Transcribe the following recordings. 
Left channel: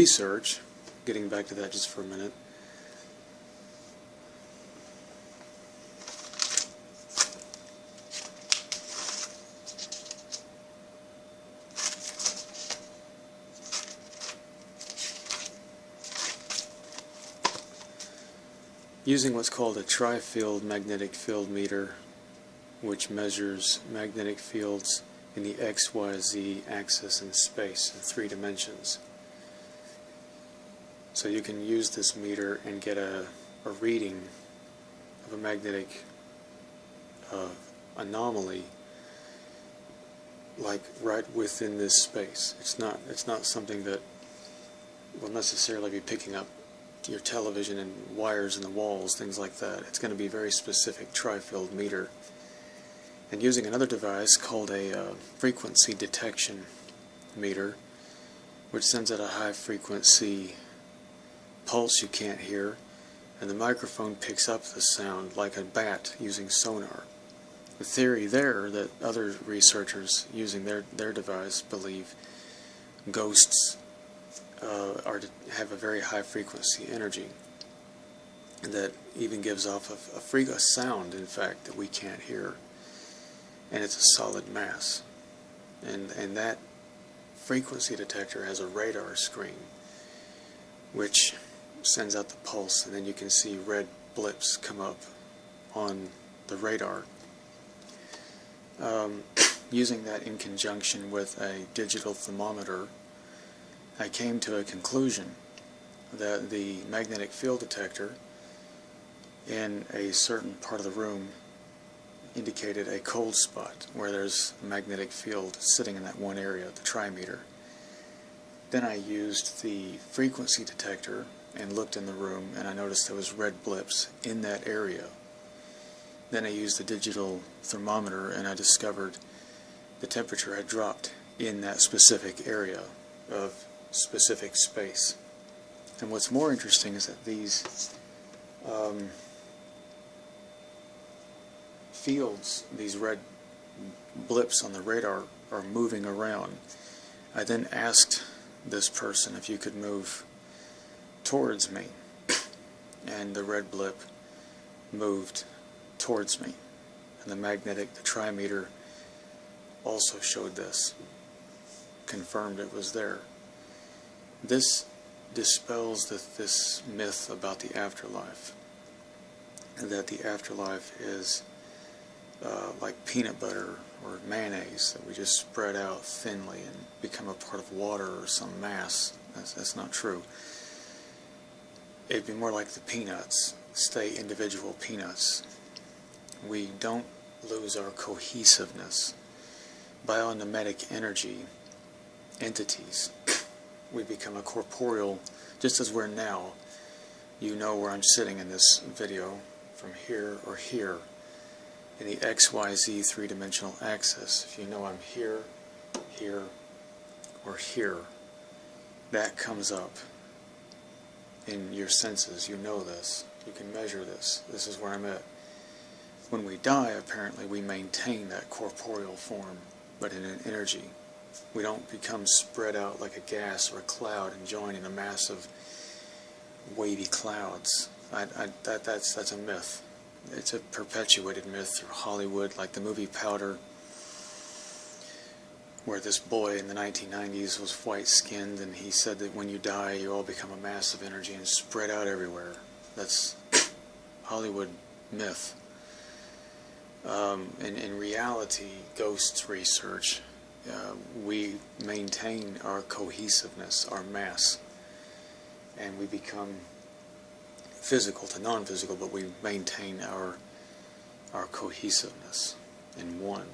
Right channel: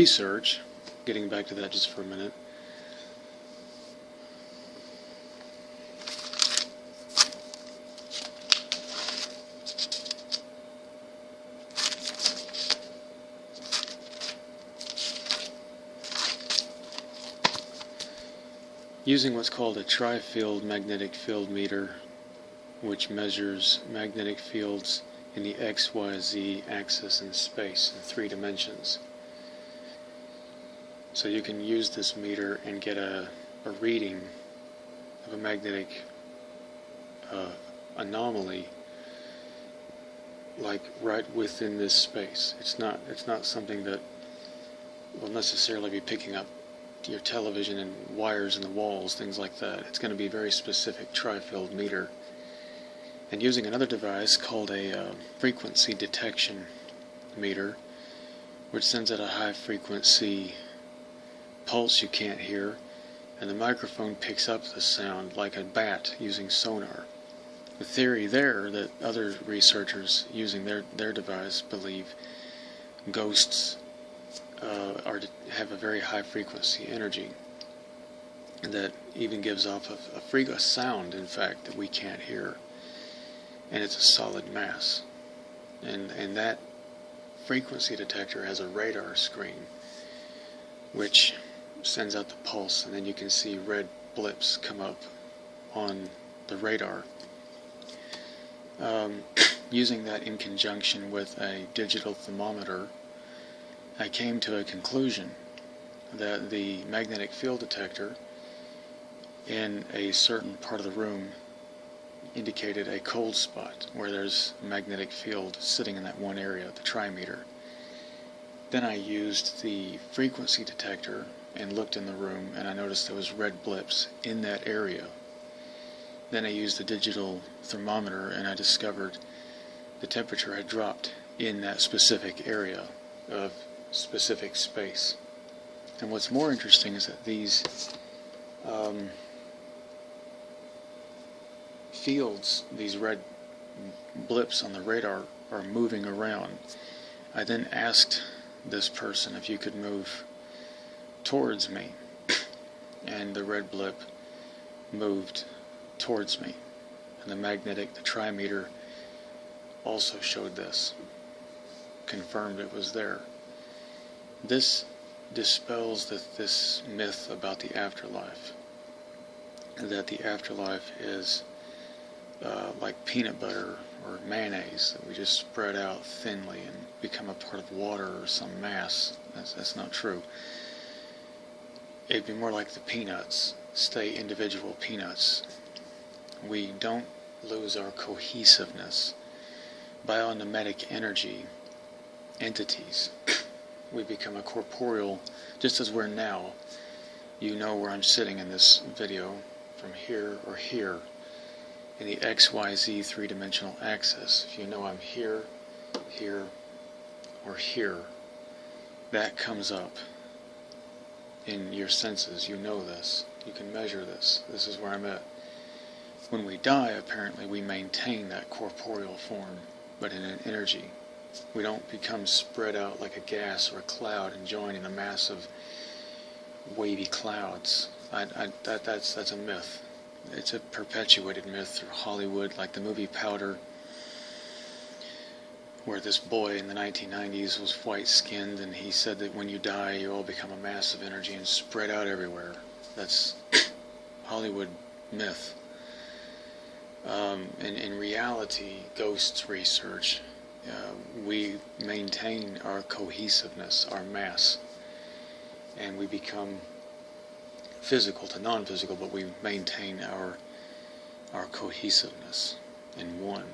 research, getting back to that just for a minute, using what's called a tri-field magnetic field meter, which measures magnetic fields in the XYZ axis in space in 3 dimensions. So you can use this meter and get a reading of a magnetic anomaly, like right within this space. It's not something that will necessarily be picking up your television and wires in the walls, things like that. It's going to be a very specific tri-field meter. And using another device called a frequency detection meter, which sends out a high frequency pulse you can't hear, and the microphone picks up the sound like a bat using sonar. The theory there that other researchers using their device believe ghosts have a very high frequency energy that even gives off a sound, in fact, that we can't hear, and it's a solid mass. And that frequency detector has a radar screen which sends out the pulse, and then you can see red blips come up on the radar. Using that in conjunction with a digital thermometer, I came to a conclusion that the magnetic field detector in a certain part of the room indicated a cold spot where there's a magnetic field sitting in that one area, the trimeter. Then I used the frequency detector and looked in the room, and I noticed there was red blips in that area. Then I used the digital thermometer, and I discovered the temperature had dropped in that specific area of specific space. And what's more interesting is that these fields, these red blips on the radar, are moving around. I then asked this person if you could move towards me, and the red blip moved towards me. And the trimeter also showed this, confirmed it was there. This dispels this myth about the afterlife, that the afterlife is like peanut butter or mayonnaise that we just spread out thinly and become a part of water or some mass. That's not true. It'd be more like the peanuts, stay individual peanuts. We don't lose our cohesiveness. Biomimetic energy entities. We become a corporeal, just as we're now. You know where I'm sitting in this video, from here or here, in the XYZ three-dimensional axis. If you know I'm here, here, or here, that comes up in your senses. You know this. You can measure this. This is where I'm at. When we die, apparently, we maintain that corporeal form, but in an energy. We don't become spread out like a gas or a cloud and join in a massive wavy clouds. That's a myth. It's a perpetuated myth through Hollywood, like the movie Powder, where this boy in the 1990s was white-skinned, and he said that when you die, you all become a mass of energy and spread out everywhere. That's Hollywood myth. In reality, ghosts research, we maintain our cohesiveness, our mass, and we become physical to non-physical, but we maintain our cohesiveness in one,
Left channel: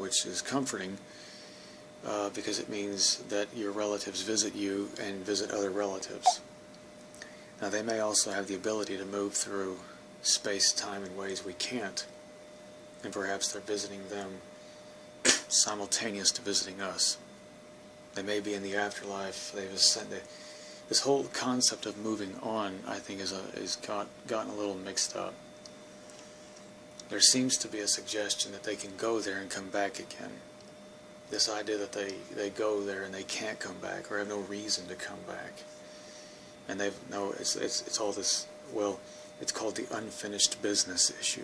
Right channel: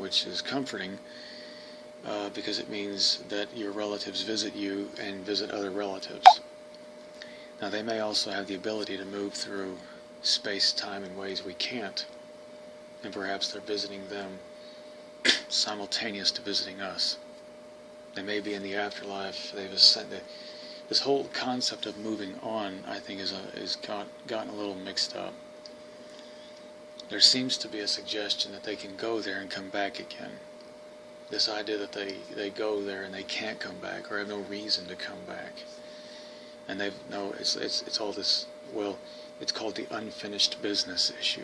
which is comforting because it means that your relatives visit you and visit other relatives. Now, they may also have the ability to move through space-time in ways we can't, and perhaps they're visiting them simultaneous to visiting us. They may be in the afterlife, they've ascended. This whole concept of moving on, I think, is gotten a little mixed up. There seems to be a suggestion that they can go there and come back again. This idea that they go there and they can't come back or have no reason to come back. And it's all this, well, it's called the unfinished business issue.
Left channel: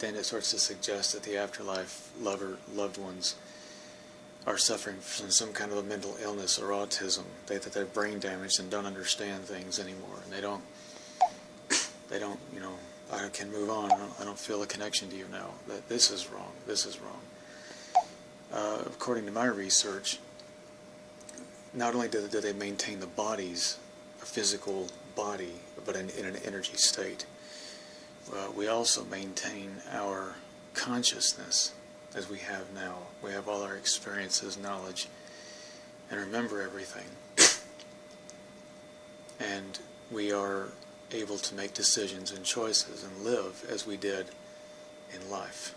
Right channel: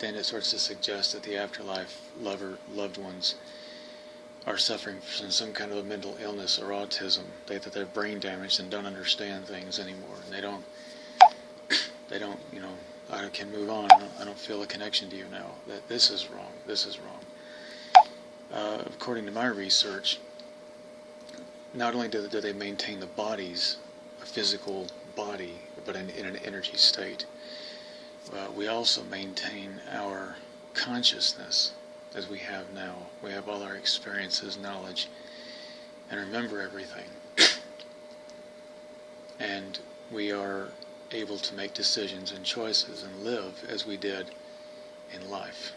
Then it starts to suggest that the afterlife loved ones are suffering from some kind of a mental illness or autism, that they're brain damaged and don't understand things anymore. They don't, I can move on. I don't feel a connection to you now. This is wrong. This is wrong. According to my research, not only do they maintain the bodies, a physical body, but in an energy state, we also maintain our consciousness as we have now. We have all our experiences, knowledge, and remember everything. And we are able to make decisions and choices and live as we did in life.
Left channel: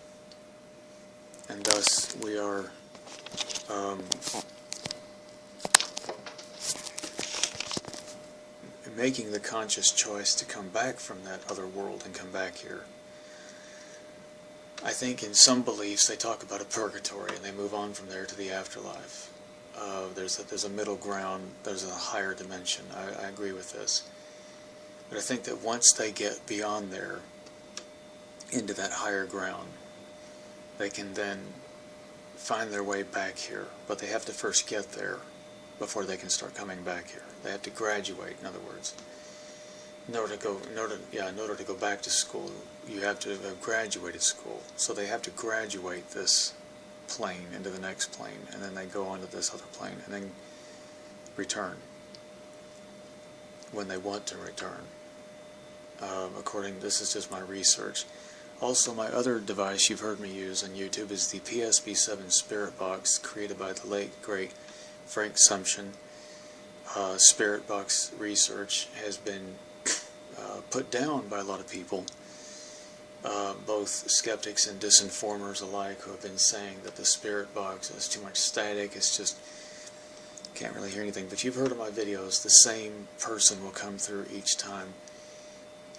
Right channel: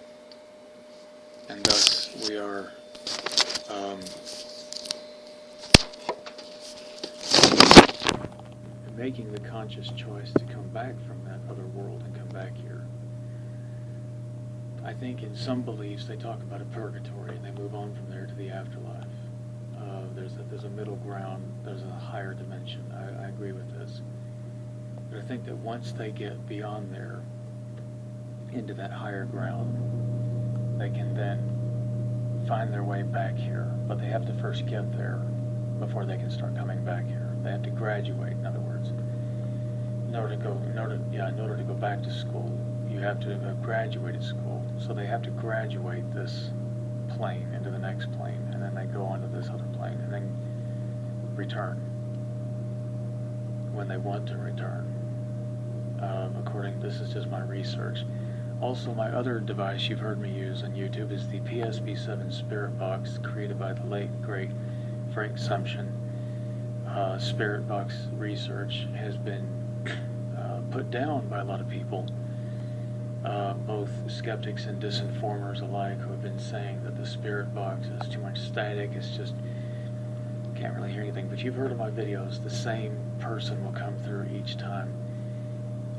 And thus we are making the conscious choice to come back from that other world and come back here. I think in some beliefs they talk about a purgatory and they move on from there to the afterlife. There's a middle ground, there's a higher dimension. I agree with this. But I think that once they get beyond there, into that higher ground, they can then find their way back here. But they have to first get there before they can start coming back here. They have to graduate, in other words. In order to go back to school, you have to have graduated school. So they have to graduate this plane into the next plane, and then they go on to this other plane, and then return when they want to return. This is just my research. Also, my other device you've heard me use on YouTube is the PSB-7 Spirit Box, created by the late, great Frank Sumption. Spirit Box research has been put down by a lot of people, both skeptics and disinformers alike, who have been saying that the Spirit Box has too much static, it's just, can't really hear anything. But you've heard of my videos, the same person will come through each time.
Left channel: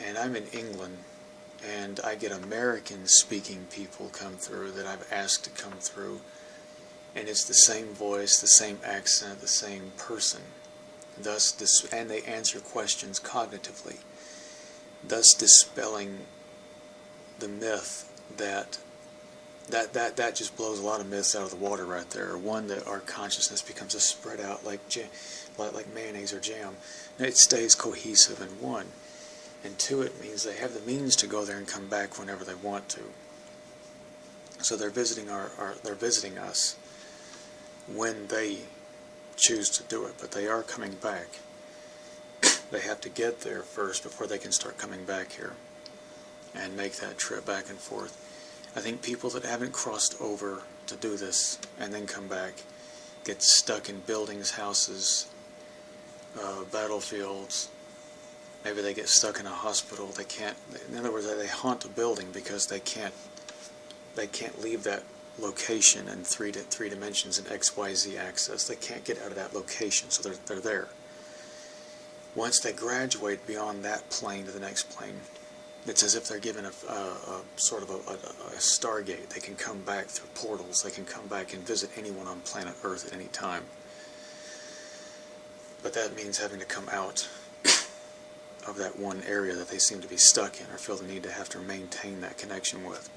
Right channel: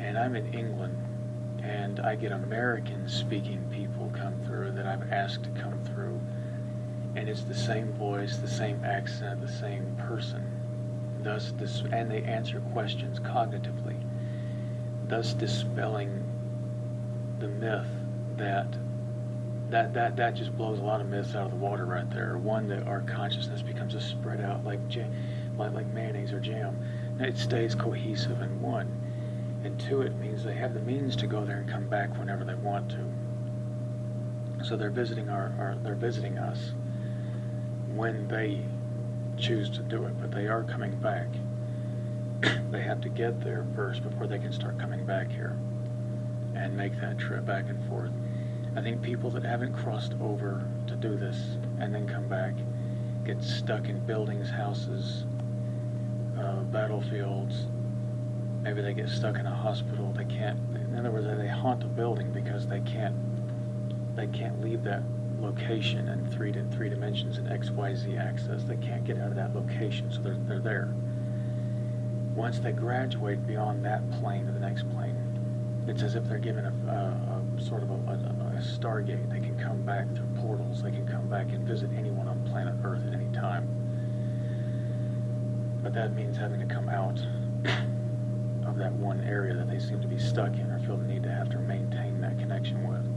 And I'm in England, and I get American-speaking people come through that I've asked to come through. And it's the same voice, the same accent, the same person. And they answer questions cognitively, thus dispelling the myth that just blows a lot of myths out of the water right there. One, that our consciousness becomes a spread out like mayonnaise or jam. It stays cohesive in one. And two, it means they have the means to go there and come back whenever they want to. So they're visiting they're visiting us when they choose to do it, but they are coming back. They have to get there first before they can start coming back here and make that trip back and forth. I think people that haven't crossed over to do this and then come back get stuck in buildings, houses, battlefields. Maybe they get stuck in a hospital. They can't, in other words, they haunt a building because they can't leave that location in three dimensions in XYZ axis. They can't get out of that location, so they're there. Once they graduate beyond that plane to the next plane, it's as if they're given a sort of a stargate. They can come back through portals. They can come back and visit anyone on planet Earth at any time. But that means having to come out of that one area that they seem to be stuck in or feel the need to have to maintain that connection with.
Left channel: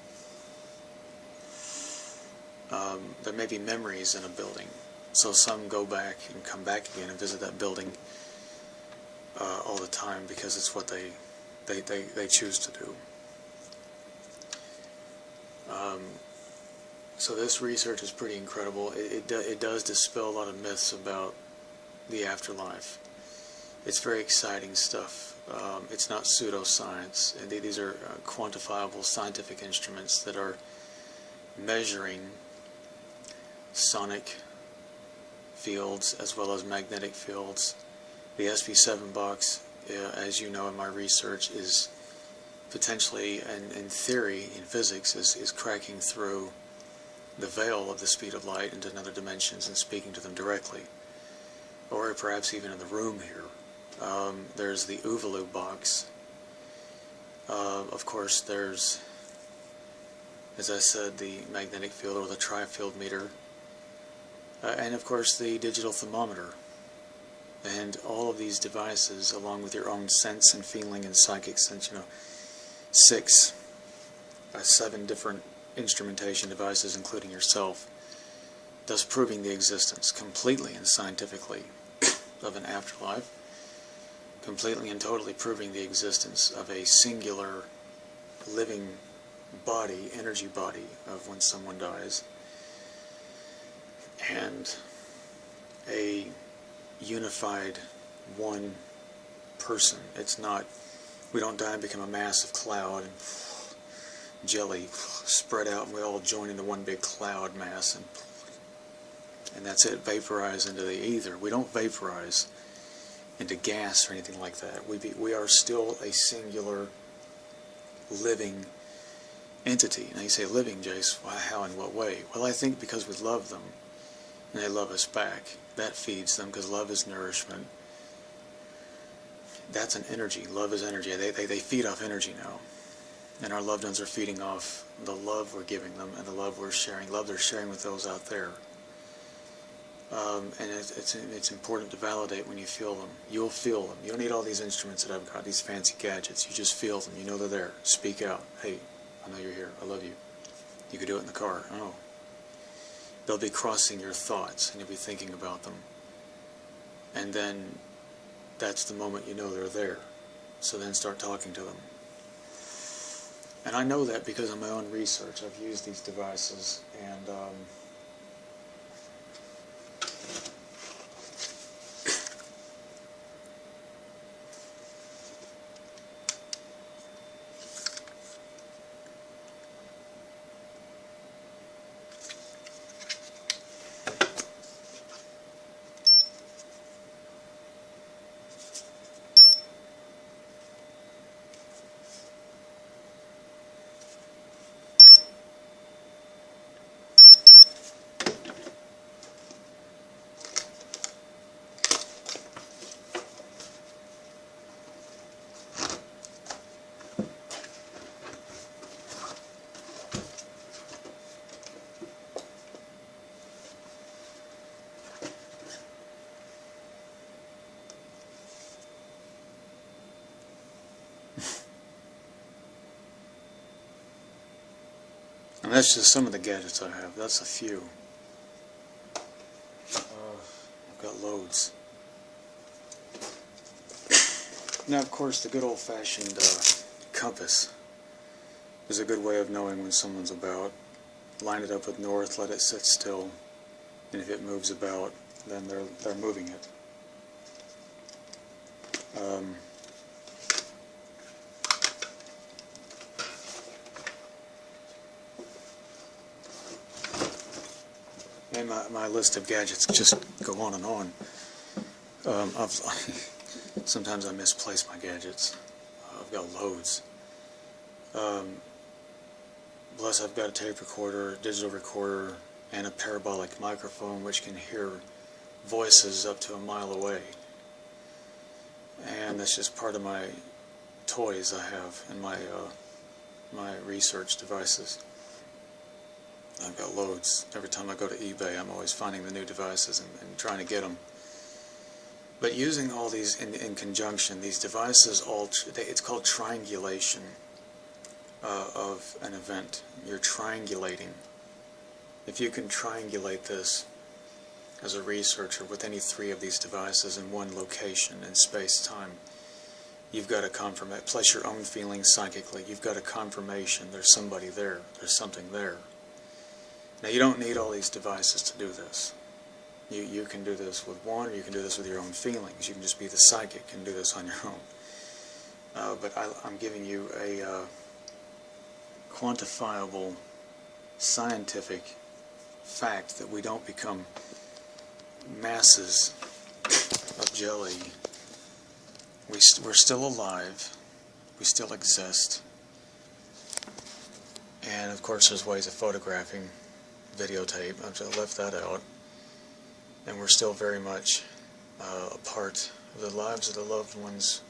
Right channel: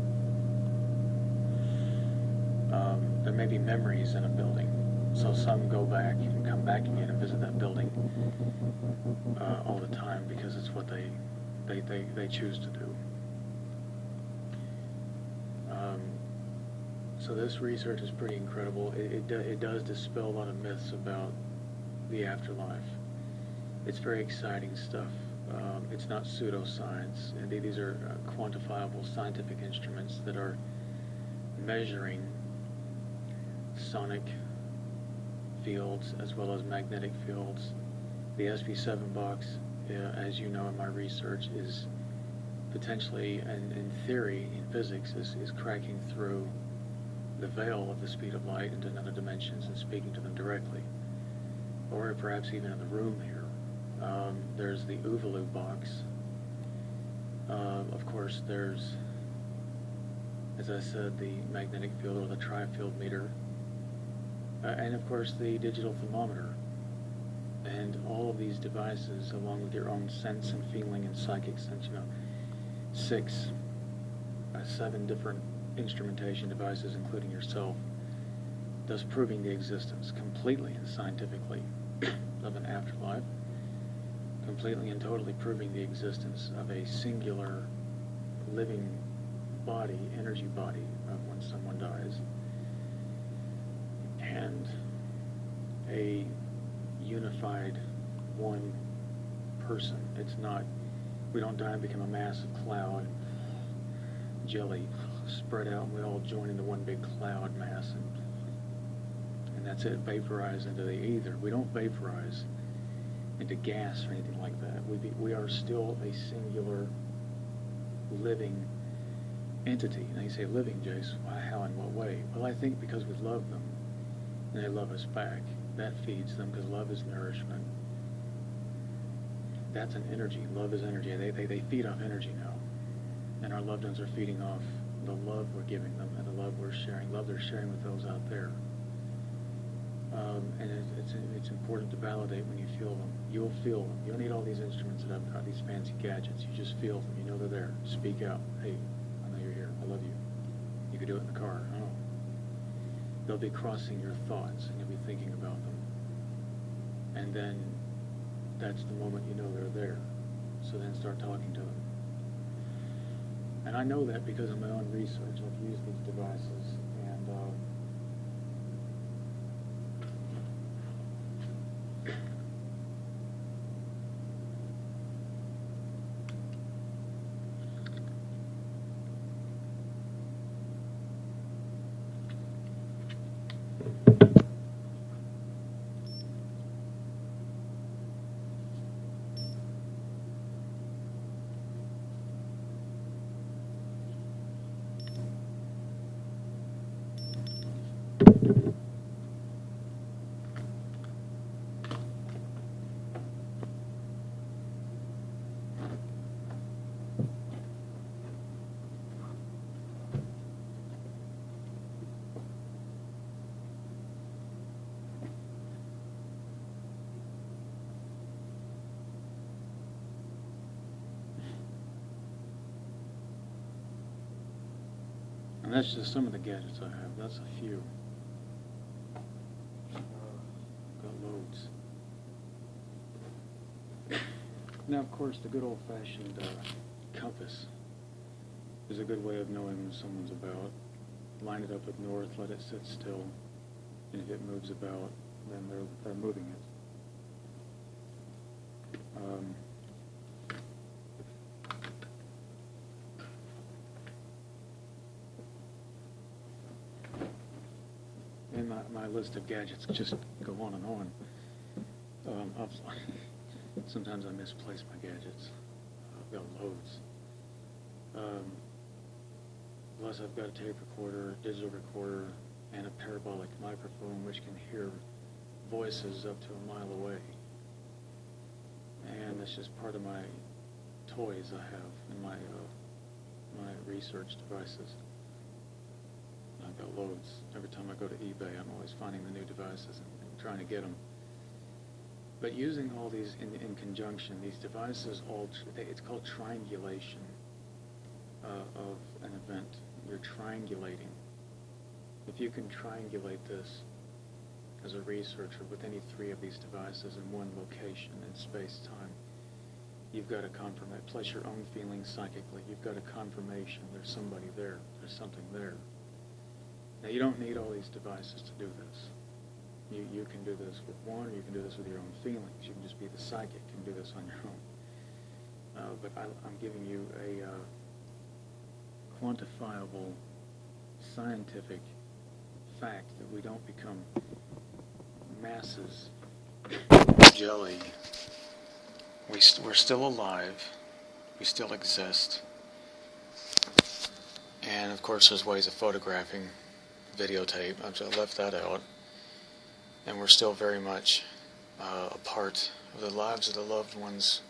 There may be memories in a building, so some go back and come back again and visit that building all the time because it's what they choose to do. So this research is pretty incredible. It does dispel a lot of myths about the afterlife. It's very exciting stuff. It's not pseudoscience. These are quantifiable scientific instruments that are measuring sonic fields as well as magnetic fields. The SP7 box, as you know in my research, is potentially, and in theory, in physics, is cracking through the veil of the speed of light into another dimensions and speaking to them directly, or perhaps even in the room here. There's the Uvalu box. Of course, there's, as I said, the magnetic field or the tri-field meter. and of course the digital thermometer. And all of these devices, along with your own sense and feeling and psychic sense, 7 different instrumentation devices, including yourself, thus proving the existence completely and scientifically of an afterlife, completely and totally proving the existence of a singular living body, energy body, of when someone dies, and a unified one person. It's not, we don't die and become a massive cloud, jelly spread out, and we all join into one big cloud mass, and that's it, vaporize into the ether. We don't vaporize into gas or anything like that. We are still a singular living entity. Now you say living, Jace, well, how, in what way? Well, I think because we love them and they love us back. That feeds them, because love is nourishment. That's an energy. Love is energy. They feed off energy now. And our loved ones are feeding off the love we're giving them and the love we're sharing, love they're sharing with those out there. And it's important to validate when you feel them. You'll feel them. You don't need all these instruments that I've got, these fancy gadgets. You just feel them. You know they're there. Speak out. Hey, I know you're here. I love you. You could do it in the car. Oh. They'll be crossing your thoughts, and you'll be thinking about them. And then that's the moment you know they're there. So then start talking to them. And I know that because of my own research. I've used these devices, and and that's just some of the gadgets I have. That's a few. I've got loads. Now, of course, the good old-fashioned compass is a good way of knowing when someone's about. Line it up with north, let it sit still, and if it moves about, then they're moving it. And my list of gadgets just go on and on. Sometimes I misplace my gadgets. I've got loads. Plus I've got a tape recorder, a digital recorder, and a parabolic microphone which can hear voices up to a mile away. And that's just part of my toys I have in my research devices. I've got loads. Every time I go to eBay, I'm always finding the new devices and trying to get them. But using all these in conjunction, these devices, it's called triangulation of an event. You're triangulating. If you can triangulate this as a researcher with any 3 of these devices in one location in space-time, you've got a confirmation, plus your own feelings psychically, you've got a confirmation there's somebody there, there's something there. Now, you don't need all these devices to do this. You can do this with one, or you can do this with your own feelings. You can just be the psychic and do this on your own. But I'm giving you a quantifiable, scientific fact that we don't become masses of jelly. We're still alive. We still exist. And, of course, there's ways of photographing, videotape. I've just left that out. And we're still very much a part of the lives of the loved ones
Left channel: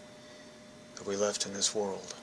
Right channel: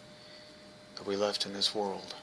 that we left in this world.